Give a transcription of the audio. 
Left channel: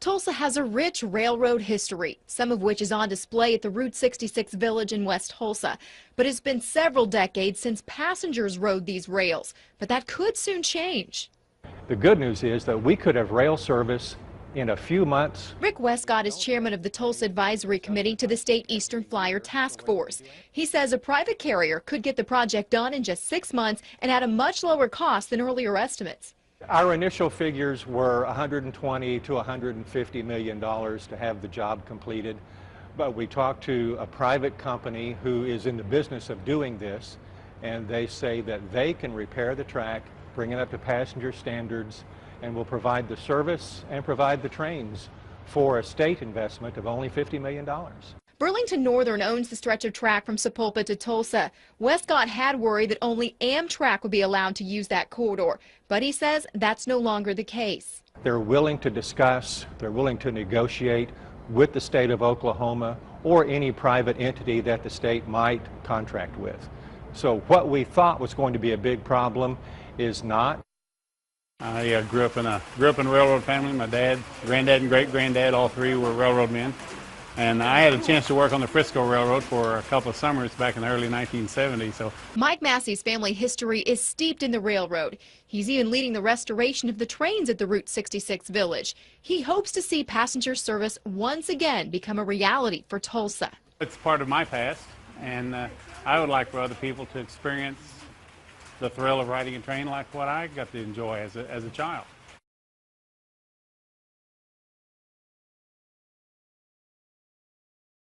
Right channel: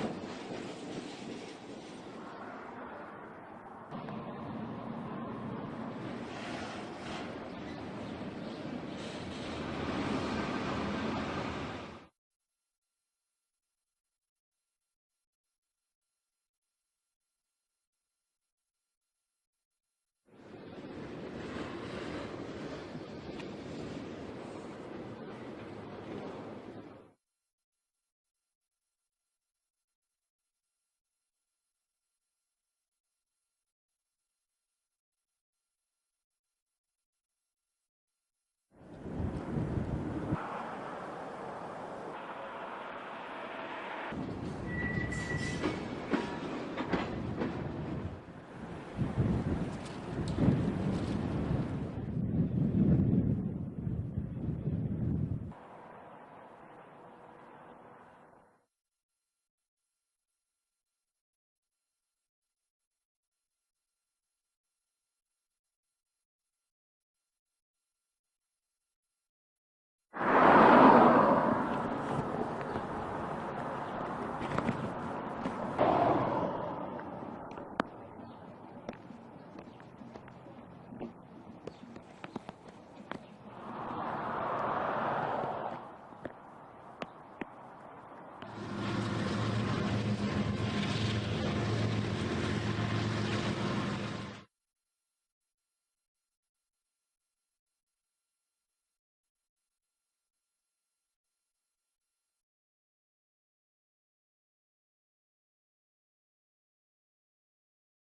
Tulsa has a rich railroad history, some of which is on display at the Route 66 Village in West Tulsa. But it's been several decades since passengers rode these rails. But that could soon change. The good news is that we could have rail service in a few months. Rick Westcott is chairman of the Tulsa Advisory Committee to the State Eastern Flyer Task Force. He says a private carrier could get the project done in just 6 months and at a much lower cost than earlier estimates. Our initial figures were $120 to $150 million to have the job completed. But we talked to a private company who is in the business of doing this, and they say that they can repair the track, bring it up to passenger standards, and will provide the service and provide the trains for a state investment of only $50 million. Burlington Northern owns the stretch of track from Sepulveda to Tulsa. Westcott had worried that only Amtrak would be allowed to use that corridor, but he says that's no longer the case. They're willing to discuss, they're willing to negotiate with the state of Oklahoma or any private entity that the state might contract with. So what we thought was going to be a big problem is not. I grew up in a railroad family. My dad, granddad, and great-granddad, all three were railroad men. And I had a chance to work on the Frisco Railroad for a couple of summers back in the early 1970s. So Mike Massey's family history is steeped in the railroad. He's even leading the restoration of the trains at the Route 66 Village. He hopes to see passenger service once again become a reality for Tulsa. it's part of my past, and I would like for other people to experience the thrill of riding a train like what I got to enjoy as a child.